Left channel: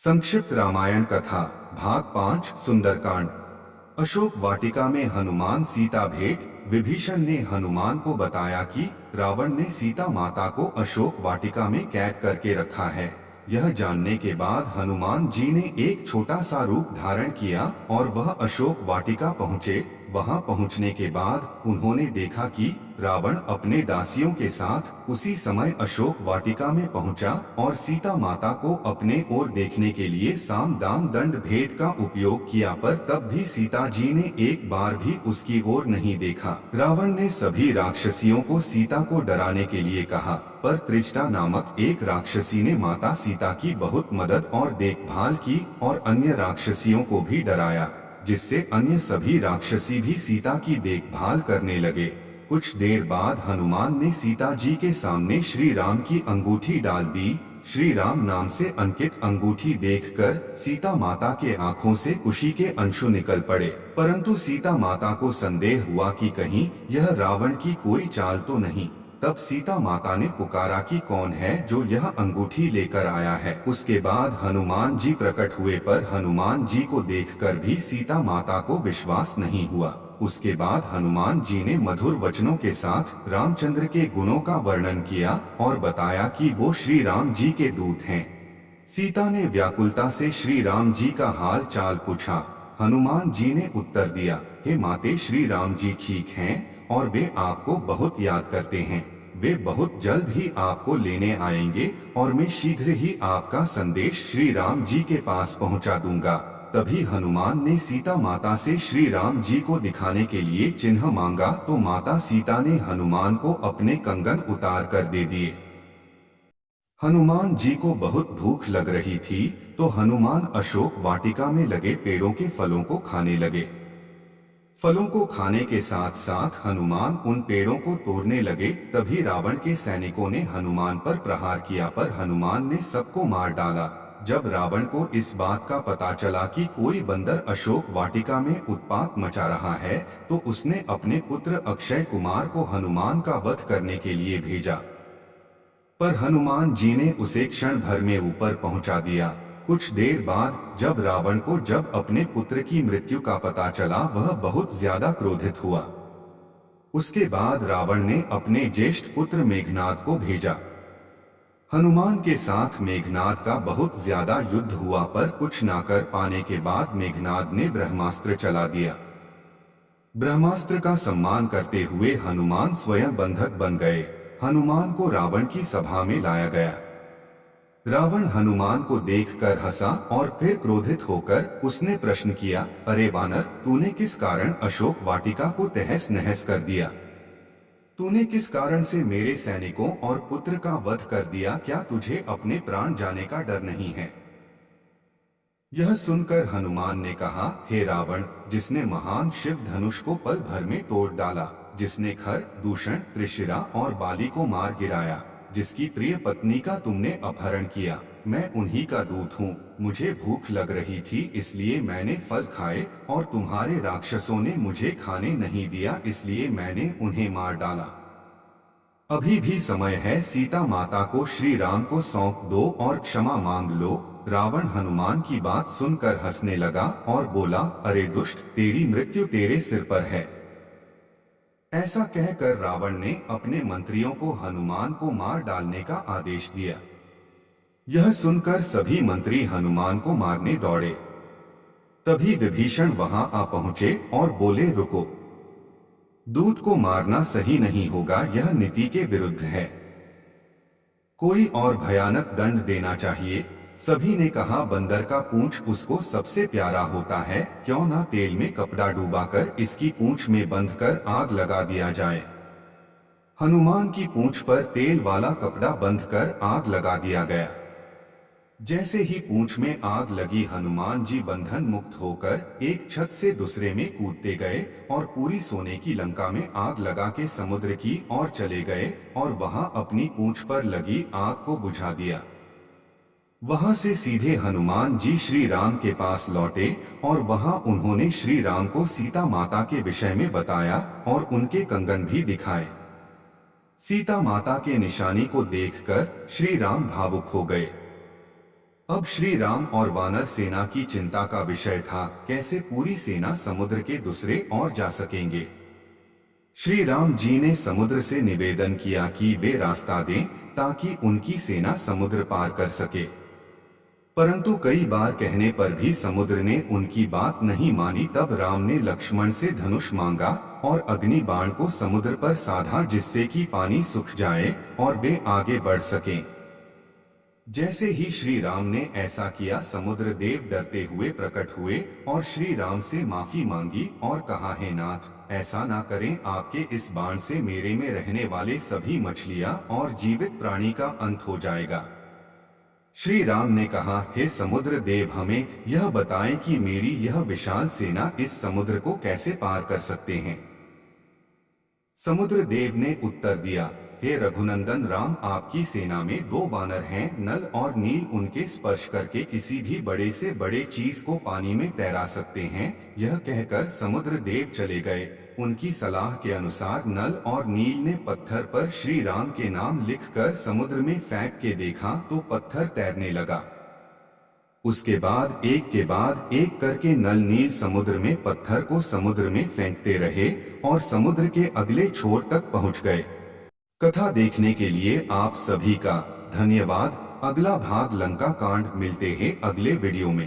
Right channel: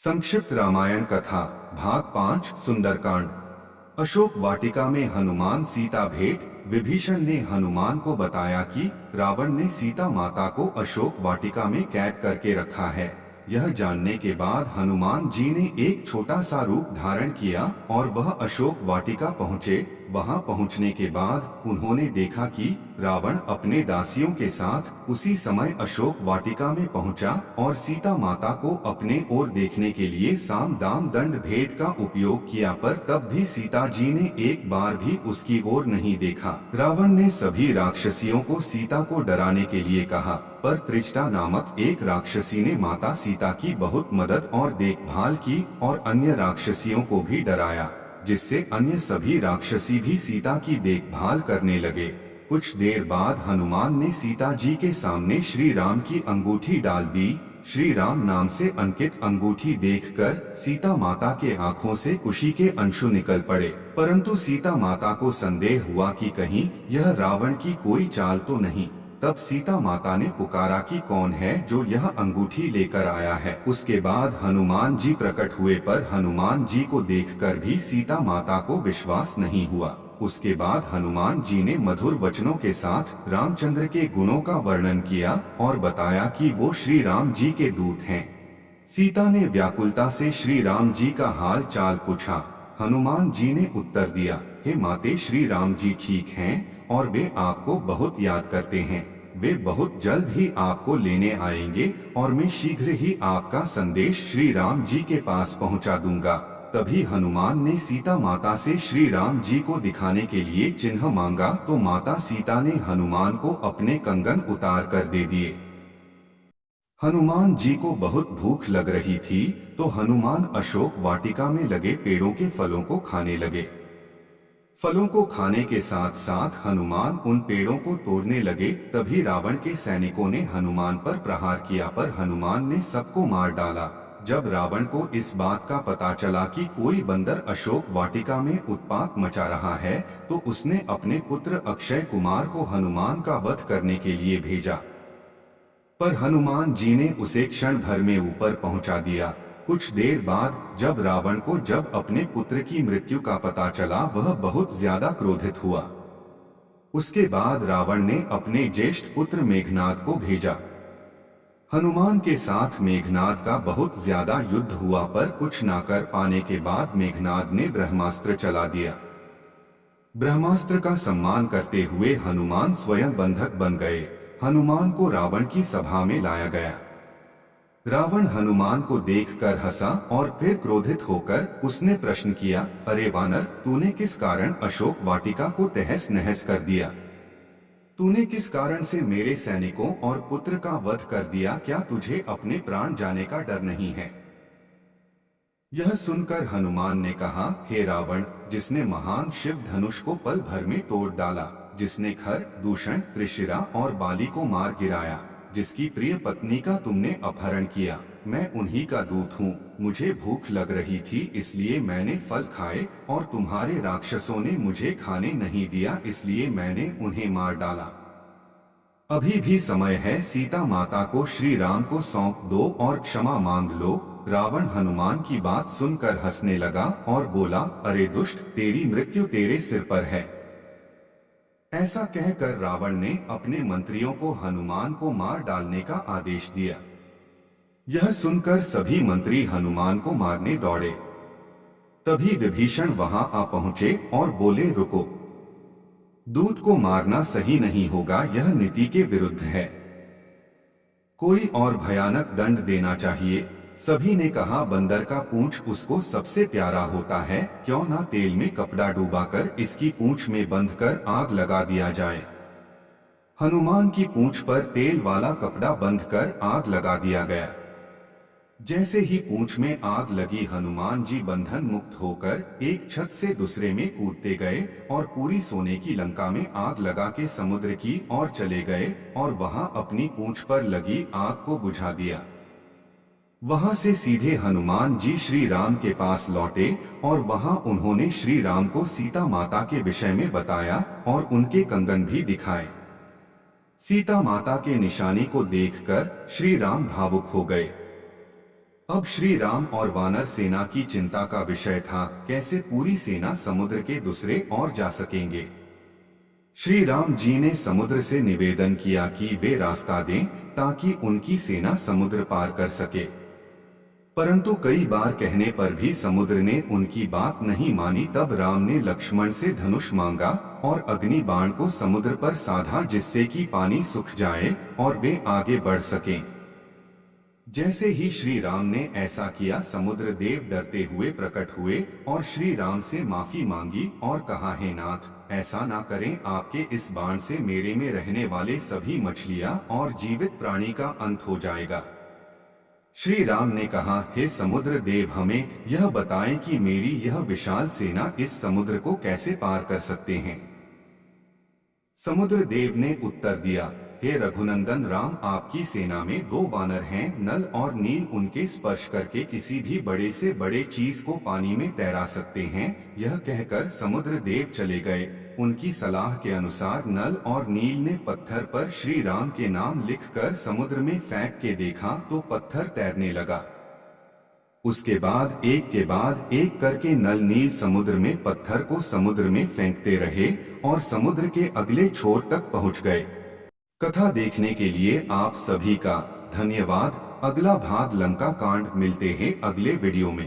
संक्षिप्त रामायण कथा भाग 5 सुंदरकांड। अशोक वाटिका में हनुमान सीता भेंट। विभीषण ने हनुमान को बताया कि रावण ने सीता माता को अशोक वाटिका में कैद करके रखा है। यह जानने के बाद हनुमान जी ने एक छोटा सा रूप धारण किया और वह अशोक वाटिका पहुँचे। वहां पहुंचने के बाद उन्होंने देखा कि रावण अपने दासियों के साथ उसी समय अशोक वाटिका में पहुंचा और सीता माता को अपने ओर देखने के लिए साम दाम दंड भेद का उपयोग किया, पर तब भी सीता जी ने एक बार भी उसकी ओर नहीं देखा। रावण ने सभी राक्षसियों को सीता को डराने के लिए कहा, पर त्रिजटा नामक एक राक्षसी ने माता सीता की बहुत मदद और देखभाल की और अन्य राक्षसियों को भी डराया, जिससे अन्य सभी राक्षसी भी सीता की देखभाल करने लगे। कुछ देर बाद हनुमान ने सीता जी के सामने श्री राम की अंगूठी डाल दी। श्री राम नाम से अंकित अंगूठी देखकर सीता माता के आंखों से खुशी के अंशु निकल पड़े, परंतु सीता माता को संदेह हुआ कि कहीं यह रावण की कोई चाल तो नहीं। तब सीता माता ने पुकारा कि कौन है जो यह अंगूठी लेकर आया है। उसके बाद हनुमान जी प्रकट हुए, पर हनुमान जी को देखकर भी सीता माता को विश्वास नहीं हुआ। उसके बाद हनुमान जी ने मधुर वचनों के साथ रामचंद्र के गुणों का वर्णन किया और बताया कि वो श्री राम जी के दूत हैं। सीता ने व्याकुलता से श्री राम जी का हाल चाल पूछा। हनुमान जी ने उत्तर दिया, हे माते, श्री राम जी ठीक हैं और वे आपको बहुत याद करते हैं। वे बहुत जल्द ही आपको लेने आएंगे और मैं शीघ्र ही आपका संदेश श्री राम जी के पास पहुंचा दूंगा। तभी हनुमान ने सीता माता से श्री राम जी को दिखाने के लिए चिन्ह मांगा, तो माता सीता ने हनुमान को अपने कंगन उतार कर दे दिए। हनुमान जी को बहुत भूख लग रही थी, तो हनुमान अशोक वाटिका में लगे पेड़ों के फलों को खाने लगे। फलों को खाने के साथ साथ हनुमान उन पेड़ों को तोड़ने लगे। तभी रावण के सैनिकों ने हनुमान पर प्रहार किया, पर हनुमान ने सबको मार डाला। जब रावण को इस बात का पता चला कि कोई बंदर अशोक वाटिका में उत्पात मचा रहा है, तो उसने अपने पुत्र अक्षय कुमार को हनुमान का वध करने के लिए भेजा, पर हनुमान जी ने उसे क्षण भर में ऊपर पहुंचा दिया। कुछ देर बाद जब रावण को अपने पुत्र की मृत्यु का पता चला, वह बहुत ज्यादा क्रोधित हुआ। उसके बाद रावण ने अपने ज्येष्ठ पुत्र मेघनाद को भेजा। हनुमान के साथ मेघनाद का बहुत ज्यादा युद्ध हुआ, पर कुछ ना कर पाने के बाद मेघनाद ने ब्रह्मास्त्र चला दिया। ब्रह्मास्त्र का सम्मान करते हुए हनुमान स्वयं बंधक बन गए। हनुमान को रावण की सभा में लाया गया। रावण हनुमान को देखकर हंसा और फिर क्रोधित होकर उसने प्रश्न किया, अरे वानर, तूने किस कारण अशोक वाटिका को तहस नहस कर दिया? तूने किस कारण से मेरे सैनिकों और पुत्र का वध कर दिया? क्या तुझे अपने प्राण जाने का डर नहीं है? यह सुनकर हनुमान ने कहा, हे रावण, जिसने महान शिव धनुष को पल भर में तोड़ डाला, जिसने खर, दूषण, त्रिशिरा और बाली को मार गिराया, जिसकी प्रिय पत्नी का तुमने अपहरण किया, मैं उन्हीं का दूत हूँ। मुझे भूख लग रही थी, इसलिए मैंने फल खाए और तुम्हारे राक्षसों ने मुझे खाने नहीं दिया, इसलिए मैंने उन्हें मार डाला। अभी भी समय है, सीता माता को श्री राम को सौंप दो और क्षमा मांग लो। रावण हनुमान की बात सुनकर हंसने लगा और बोला, अरे दुष्ट, तेरी मृत्यु तेरे सिर पर है। ऐसा कहकर रावण ने अपने मंत्रियों को हनुमान को मार डालने का आदेश दिया। यह सुनकर सभी मंत्री हनुमान को मारने दौड़े। तभी विभीषण वहां आ पहुंचे और बोले, रुको, दूत को मारना सही नहीं होगा, यह नीति के विरुद्ध है। कोई और भयानक दंड देना चाहिए। सभी ने कहा, बंदर का पूंछ उसको सबसे प्यारा होता है, क्यों ना तेल में कपड़ा डुबाकर इसकी पूंछ में बंधकर आग लगा दिया जाए। हनुमान की पूंछ पर तेल वाला कपड़ा बंधकर आग लगा दिया गया। जैसे ही पूंछ में आग लगी, हनुमान जी बंधन मुक्त होकर एक छत से दूसरे में कूदते गए और पूरी सोने की लंका में आग लगा के समुद्र की ओर चले गए और वहां अपनी पूंछ पर लगी आग को बुझा दिया। वहां से सीधे हनुमान जी श्री राम के पास लौटे और वहां उन्होंने श्री राम को सीता माता के विषय में बताया और उनके कंगन भी दिखाए। सीता माता के निशानी को देखकर श्री राम भावुक हो गए। अब श्री राम और वानर सेना की चिंता का विषय था कैसे पूरी सेना समुद्र के दूसरे ओर जा सकेंगे। श्री राम जी ने समुद्र से निवेदन किया कि वे रास्ता दें ताकि उनकी सेना समुद्र पार कर सके, परंतु कई बार कहने पर भी समुद्र ने उनकी बात नहीं मानी। तब राम ने लक्ष्मण से धनुष मांगा और अग्नि बाण को समुद्र पर साधा, जिससे कि पानी सूख जाए और वे आगे बढ़ सकें। जैसे ही श्री राम ने ऐसा किया, समुद्र देव डरते हुए प्रकट हुए और श्री राम से माफी मांगी और कहा, हे नाथ, ऐसा ना करें, आपके इस बाण से मेरे में रहने वाले सभी मछलियां और जीवित प्राणी का अंत हो जाएगा। श्री राम ने कहा, हे समुद्र देव, हमें यह बताएं कि मेरी यह विशाल सेना इस समुद्र को कैसे पार कर सकते हैं। समुद्र देव ने उत्तर दिया, हे रघुनंदन राम, आपकी सेना में 2 वानर हैं, नल और नील। उनके स्पर्श करके किसी भी बड़े से बड़े चीज को पानी में तैरा सकते हैं। यह कहकर समुद्र देव चले गए। उनकी सलाह के अनुसार नल और नील ने पत्थर पर श्री राम के नाम लिखकर समुद्र में फेंक के देखा तो पत्थर तैरने लगा। उसके बाद एक करके नल नील समुद्र में पत्थर को समुद्र में फेंकते रहे और समुद्र के अगले छोर तक पहुंच गए। कथा देखने के लिए आप सभी का धन्यवाद। अगला भाग लंका कांड मिलते हैं अगले वीडियो में।